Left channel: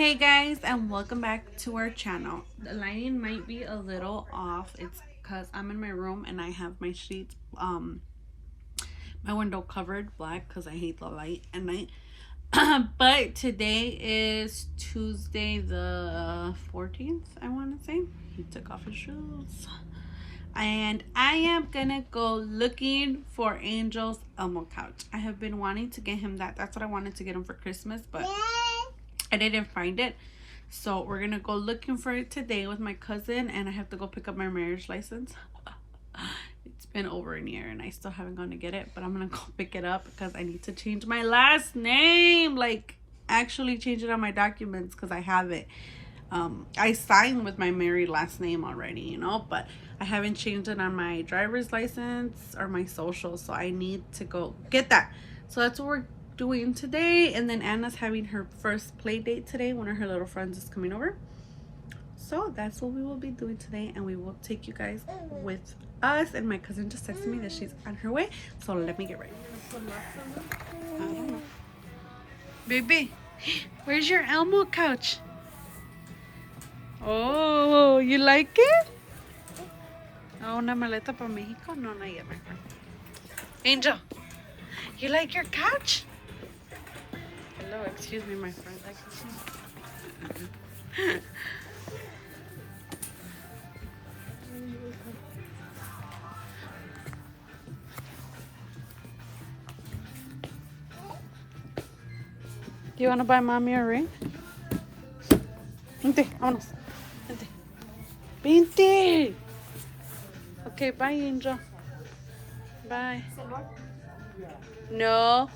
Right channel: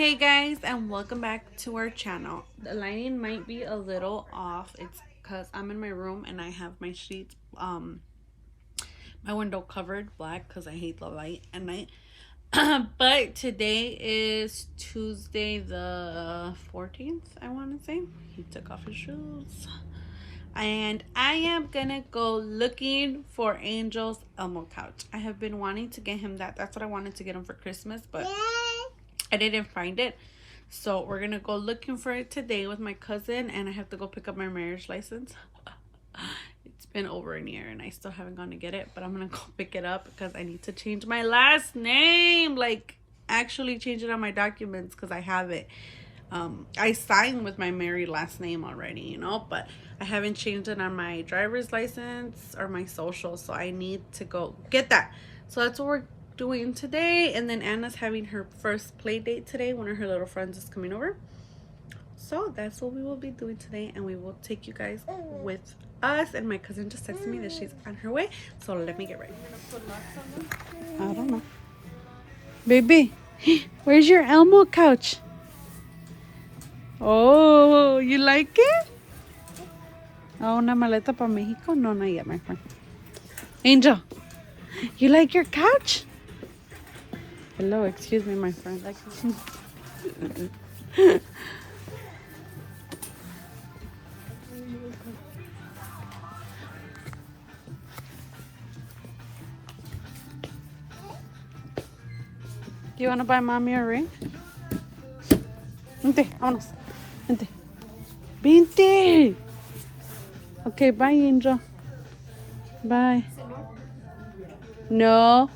Hey guys, and welcome back to our channel. The lighting might be a little off. It's because I'm in my room and I have my sheets my window covered black because I hate the light at night. But today is Tuesday the 14th, I want to say. He took off his shoes. And I am gonna go looking for Angel's Elmo couch. I have been wanting to get him that. That's what I wanted to get him for Christmas, but I didn't find it. So we're gonna go looking for it today with my cousin, and I have to go pick up my marriage license. It's been over a year and I still haven't gone to get it, but I'm gonna go pick it up because I need to change my last name. Like, actually change it on my documents because I have it. I signed with my married last name already, but I haven't changed it on my driver's license or my social, so I need to go get that. So that's what we're doing today. And then Anna's having her first play date today. One of her little friends is coming over, so that's what we will be doing today, and we will take you guys with us. And my cousin just texted me that she's on her way, so let me get ready. I don't know, baby. Where's your Elmo couch? Oh, you like it? Oh, una maleta para Mexico? No, not yet, my friend. Angel, you like your couch? Hello, excuse me, my friend. Do you want to buy mommy a ring? Vente, vámonos. Vente. Vente. Okay, bye, Angel. Bye. No.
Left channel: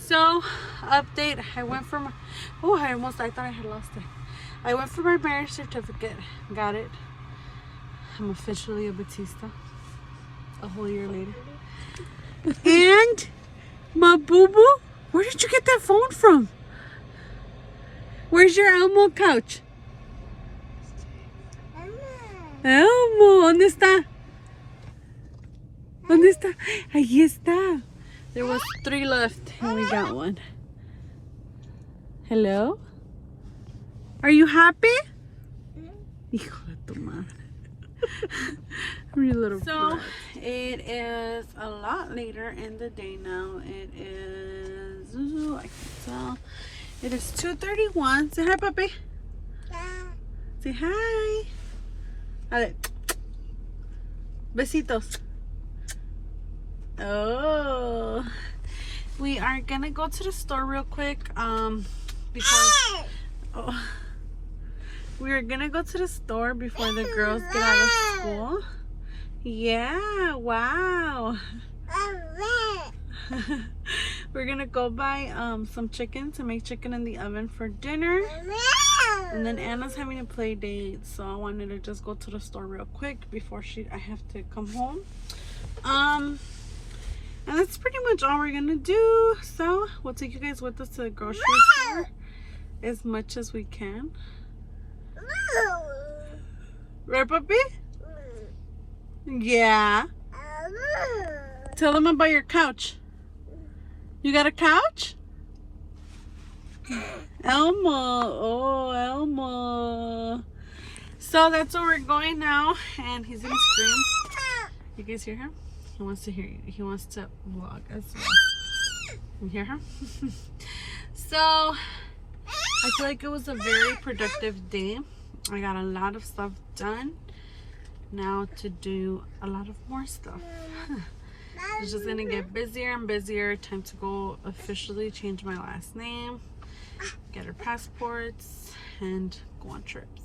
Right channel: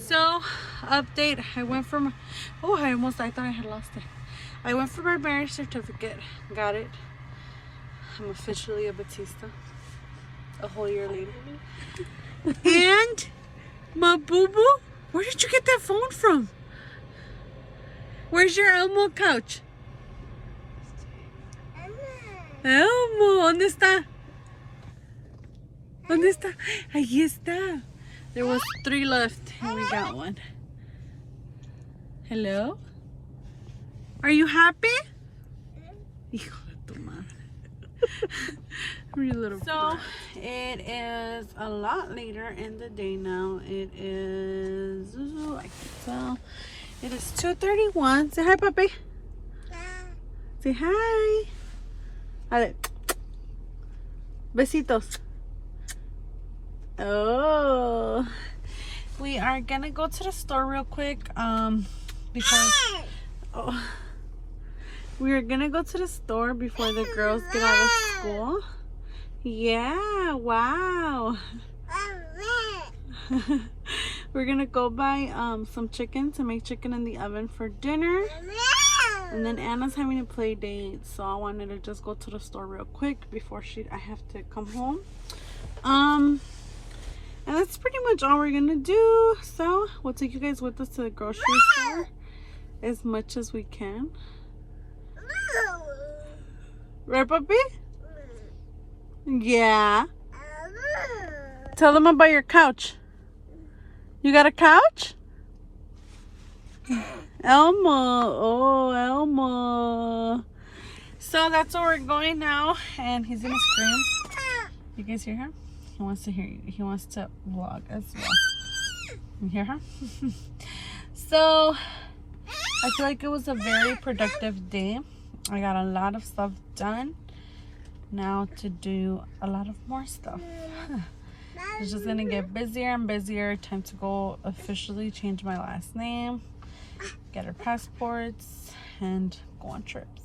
So, update. I went for my... Oh, I thought I had lost it. I went for my marriage certificate. Got it. I'm officially a Batista. A whole year later. And my boo-boo? Where did you get that phone from? Where's your Elmo couch? Elmo, ¿dónde está? ¿Dónde está? Ahí está. There was 3 left and we got one. Hello? Are you happy? Hijo de tu madre. So, it is a lot later in the day now. It is, I can tell, it is 2:31. Say hi, puppy. Say hi. A besitos. Oh, we are gonna go to the store real quick because we are gonna go to the store before the girls get out of school. Yeah, wow. We're gonna go buy some chicken to make chicken in the oven for dinner. And then Anna's having a play date, so I wanted to just go to the store real quick before I have to come home. And that's pretty much all we're gonna do. So we'll take you guys with us to the grocery store as much as we can. Right, puppy? Yeah. Tell them about your couch. You got a couch? Elmo. Oh, Elmo. So that's where we're going now, and he's gonna scream. You guys hear him? He wants to hear you. He wants to vlog as well. You hear him? So I feel like it was a very productive day. I got a lot of stuff done. Now to do a lot of more stuff. It's just gonna get busier and busier. Time to go officially change my last name, get our passports, and go on trips.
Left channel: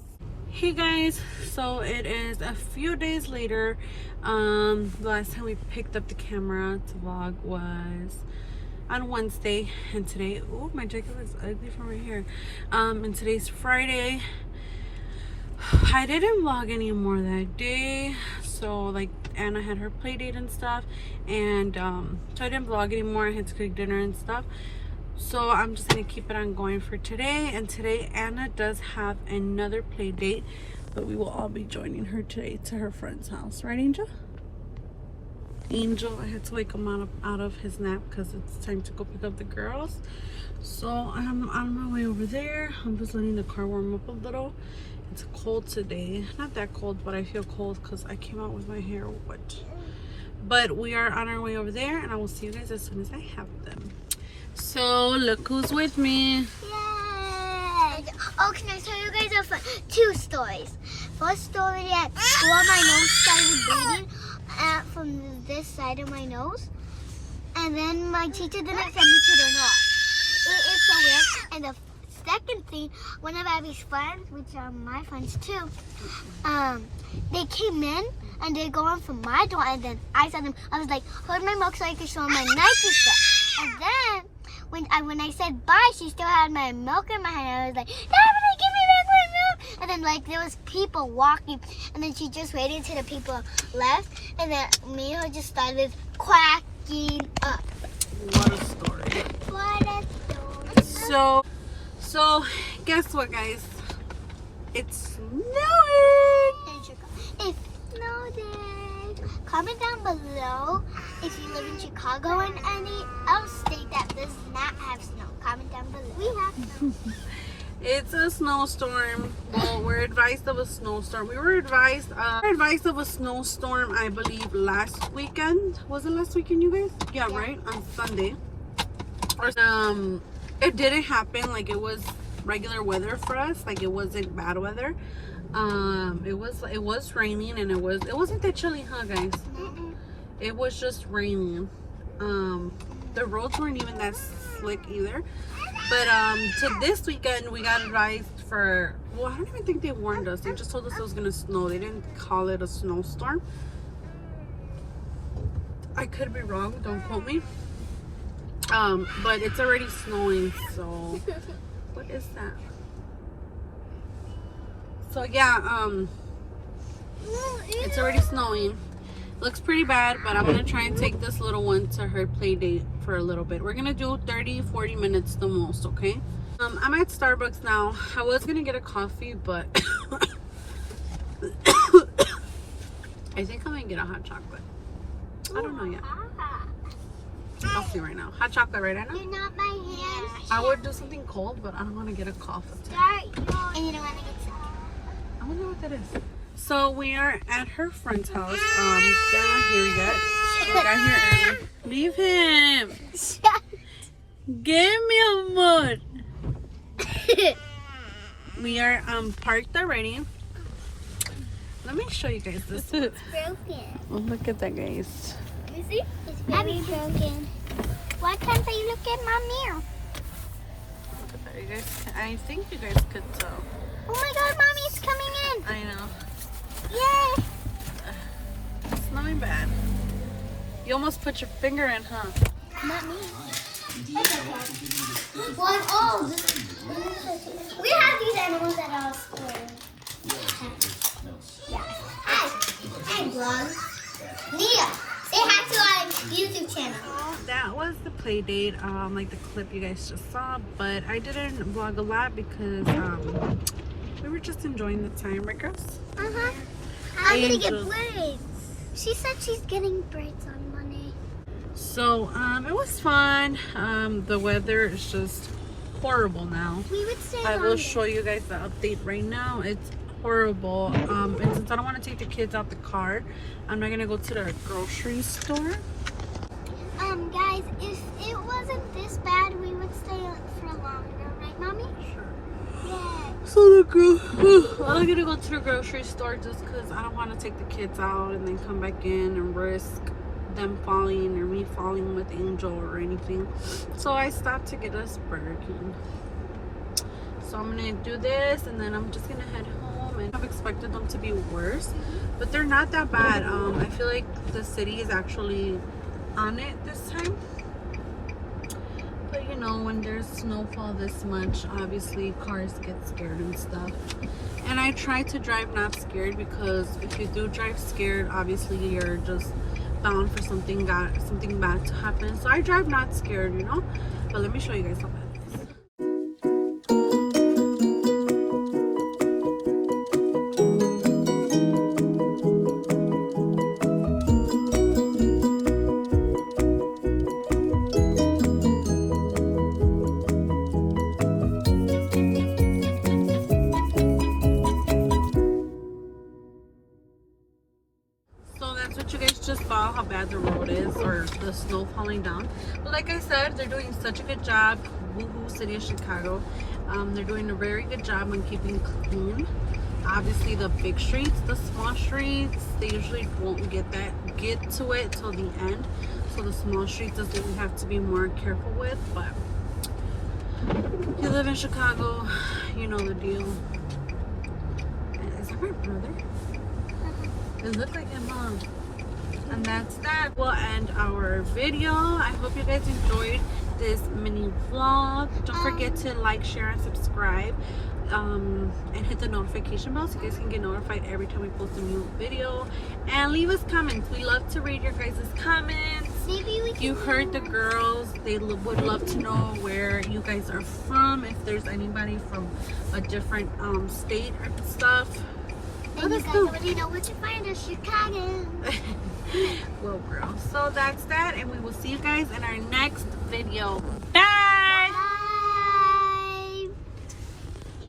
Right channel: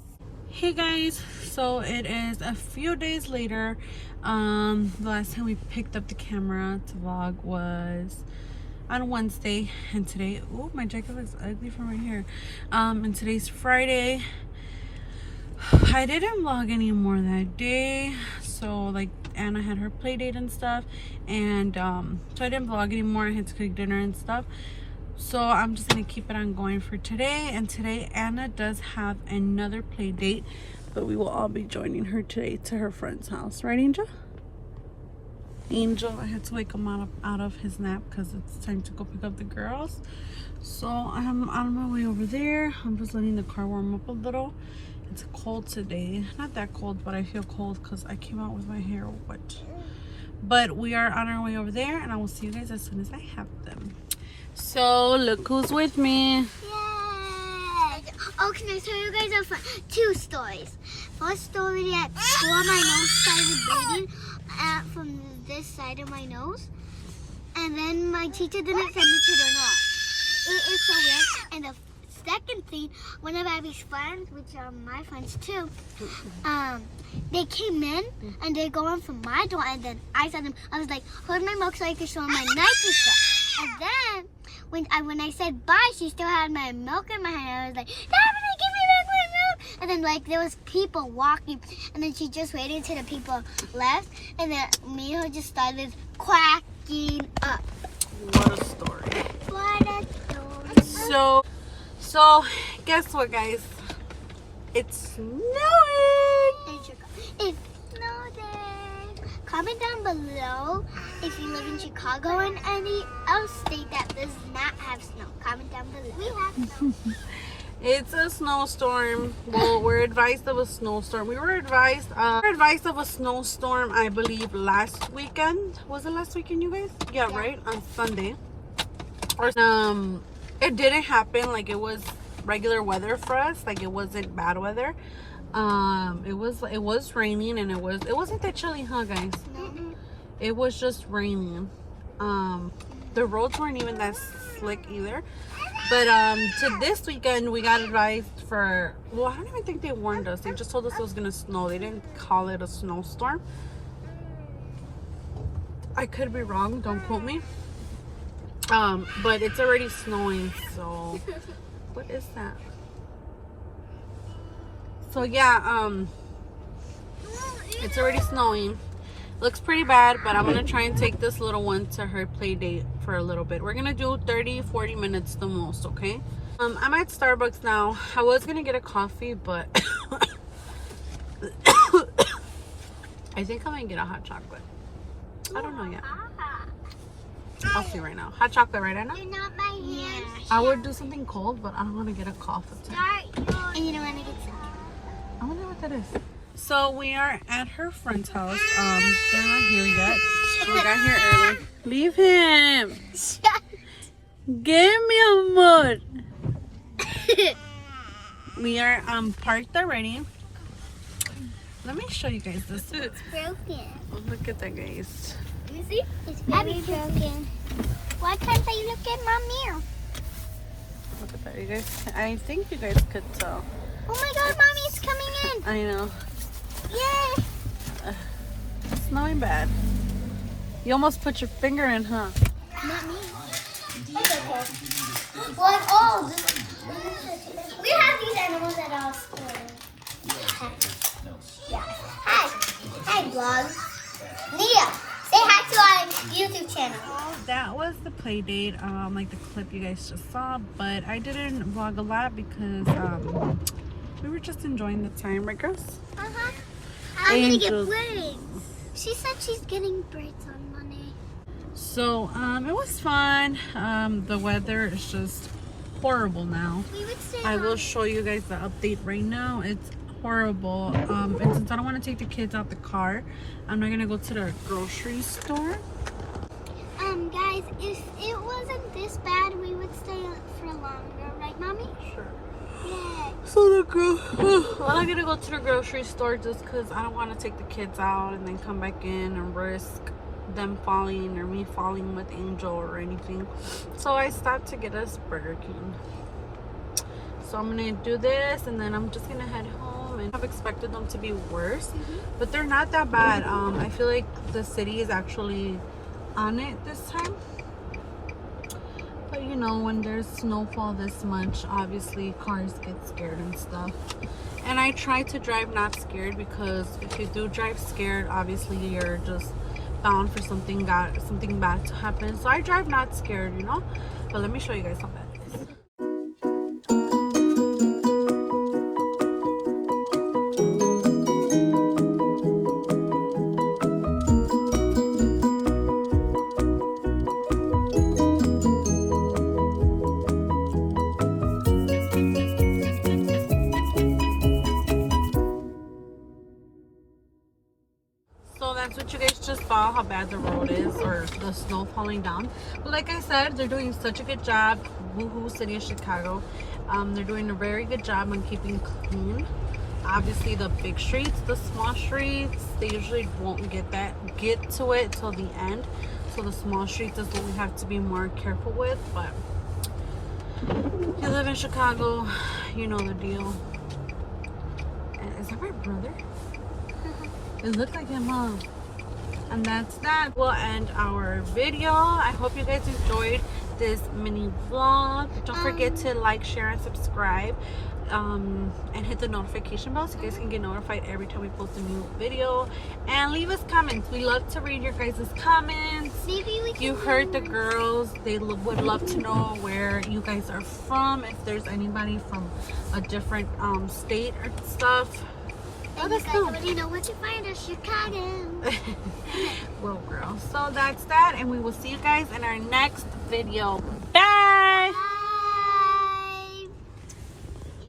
Hey guys, so it is a few days later. The last time we picked up the camera to vlog was on Wednesday, and today, oh, my jacket looks ugly from right here. And today's Friday. I didn't vlog anymore that day, so like Anna had her play date and stuff, and so I didn't vlog anymore. I had to cook dinner and stuff, so I'm just gonna keep it on going for today. And today Anna does have another play date, but we will all be joining her today to her friend's house, right, Angel? Angel, I had to wake him out of his nap because it's time to go pick up the girls. So I'm on my way over there. I'm just letting the car warm up a little. It's cold today. Not that cold, but I feel cold because I came out with my hair wet. But we are on our way over there, and I will see you guys as soon as I have them. So look who's with me. Yay! Oh, can I tell you guys two stories? First story, at school my nose started bleeding from this side of my nose. And then my teacher didn't send me to the nurse. It is so weird. And the second thing, one of Abby's friends, which are my friends too, they came in and they go in from my door, and then I saw them. I was like, hold my milk so I could show them my Nike stuff. And then when I said bye, she still had my milk in my hand. I was like, Daphne, give me back my milk. And then like there was people walking, and then she just waited until the people left, and then me and her just started cracking up. What a story. What a story. So guess what, guys? It's snowing. It's snowing. Comment down below if you live in Chicago and any other state that does not have snow. Comment down below. We have snow. It's a snowstorm. Well, we're advised of a snowstorm. We were advised of a snowstorm, I believe, last weekend. Was it last weekend, you guys? Yeah, right? On Sunday. Or it didn't happen. Like, it was regular weather for us. Like, it wasn't bad weather. It was raining, and it wasn't that chilly, huh, guys? It was just raining. The roads weren't even that slick either. But to this weekend we got advised for, well, I don't even think they warned us. They just told us it was gonna snow. They didn't call it a snowstorm. I could be wrong, don't quote me. But it's already snowing, so what is that? So yeah, it's already snowing. Looks pretty bad, but I'm gonna try and take this little one to her play date for a little bit. We're gonna do 30-40 minutes the most, okay? I'm at Starbucks now. I was gonna get a coffee, but I think I'm gonna get a hot chocolate. I don't know yet. I'll see right now. Hot chocolate right now? You're not my hand. I would do something cold, but I don't want to get a coffee. And you don't want to get sick. I wonder what that is. So we are at her friend's house. They're not here yet. We got here early. Leave him. Give me a mud. We are parked already. Let me show you guys this. It's broken. Oh, look at that, guys. Let me see. It's very broken. Why can't I look at my mirror? Look at that, you guys. I think you guys could tell. Oh my God, Mommy, it's coming in. I know. Yay. It's snowing bad. You almost put your finger in, huh? Not me. That's okay. Well, oh, we have these animals at our school. Yeah. Hi. Hi, vlog. Leah, say hi to our YouTube channel. That was the play date, like the clip you guys just saw, but I didn't vlog a lot because we were just enjoying the time, I guess. I'm gonna get braids. She said she's getting braids on Monday. So it was fun. The weather is just horrible now. I will show you guys the update right now. It's horrible. And since I don't want to take the kids out the car, I'm not gonna go to the grocery store. Guys, if it wasn't this bad, we would stay for longer, right, Mommy? Sure. Yeah. So I'm gonna go to the grocery store just because I don't want to take the kids out and then come back in and risk them falling or me falling with Angel or anything. So I stopped to get us Burger King. So I'm gonna do this and then I'm just gonna head home. And I've expected them to be worse, but they're not that bad. I feel like the city is actually on it this time. But you know, when there's snowfall this much, obviously cars get scared and stuff. And I try to drive not scared, because if you do drive scared, obviously you're just bound for something bad to happen. So I drive not scared, you know. But let me show you guys something. just saw how bad the road is, or the snow falling down. But like I said, they're doing such a good job. Woohoo, City of Chicago. They're doing a very good job on keeping clean. Obviously, the big streets, the small streets, they usually won't get to it till the end. So the small streets is what we have to be more careful with. But you live in Chicago, you know the deal. Is that my brother? It looks like him, huh? And that's that. We'll end our video. I hope you guys enjoyed this mini vlog. Don't forget to like, share, and subscribe. And hit the notification bell so you guys can get notified every time we post a new video. And leave us comments. We love to read your guys' comments. Maybe we can. You heard the girls. They would love to know where you guys are from. If there's anybody from a different state or stuff. And you guys already know what to find in Chicago. Well, girl. So that's that. And we will see you guys in our next video. Bye!